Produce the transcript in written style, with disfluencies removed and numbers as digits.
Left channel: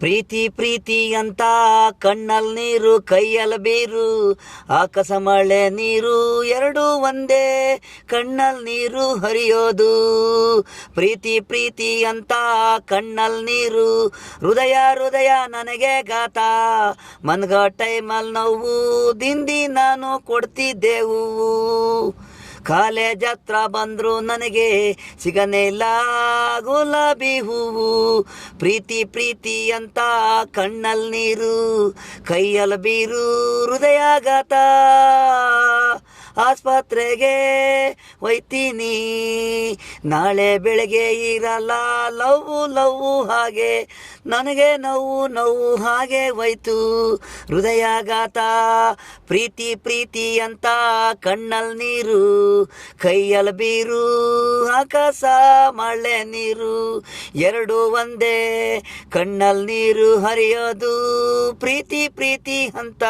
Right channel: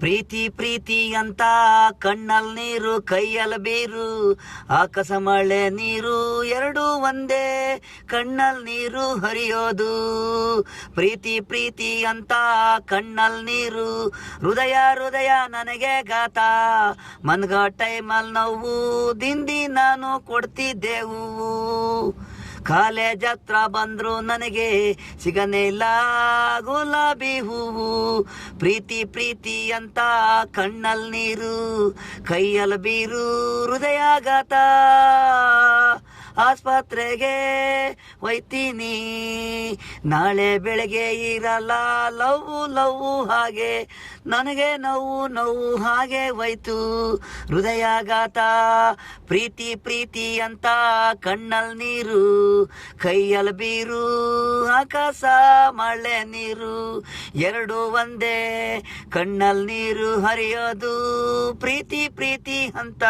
ಪ್ರೀತಿ ಪ್ರೀತಿ ಅಂತ ಕಣ್ಣಲ್ ನೀರು ಕೈಯಲ್ ಬೀರು, ಆಕಾಶ ಮಳೆ ನೀರು ಎರಡು ಒಂದೇ ಕಣ್ಣಲ್ ನೀರು ಹರಿಯೋದು. ಪ್ರೀತಿ ಪ್ರೀತಿ ಅಂತ ಕಣ್ಣಲ್ ನೀರು, ಹೃದಯ ಹೃದಯ ನನಗೆ ಗಾತ, ಮನ್ಗ ಟೈಮಲ್ ನೋವು ದಿಂದಿ ನಾನು ಕೊಡ್ತಿದ್ದೆವು. ಕಾಲೇಜ್ ಹತ್ರ ಬಂದ್ರು ನನಗೆ ಸಿಗನೇ ಇಲ್ಲ ಗುಲಾಬಿ ಹೂವು. ಪ್ರೀತಿ ಪ್ರೀತಿ ಅಂತ ಕಣ್ಣಲ್ ನೀರು ಕೈಯಲ್ ಬೀರು, ಹೃದಯಾಘಾತ. ಆಸ್ಪತ್ರೆಗೆ ಒಯ್ತೀನಿ ನಾಳೆ ಬೆಳಗ್ಗೆ ಇರಲ್ಲ, ಲವ್ವು ಲವ್ವು ಹಾಗೆ ನನಗೆ ನೋವು ಹಾಗೆ ಹೋಯ್ತು ಹೃದಯಾಘಾತ. ಪ್ರೀತಿ ಪ್ರೀತಿ ಅಂತ ಕಣ್ಣಲ್ ನೀರು ಕೈಯಲ್ ಬೀರು, ಆಕಾಶ ಮಳೆ ನೀರು ಎರಡು ಒಂದೇ ಕಣ್ಣಲ್ ನೀರು ಹರಿಯೋದು. ಪ್ರೀತಿ ಪ್ರೀತಿ ಅಂತ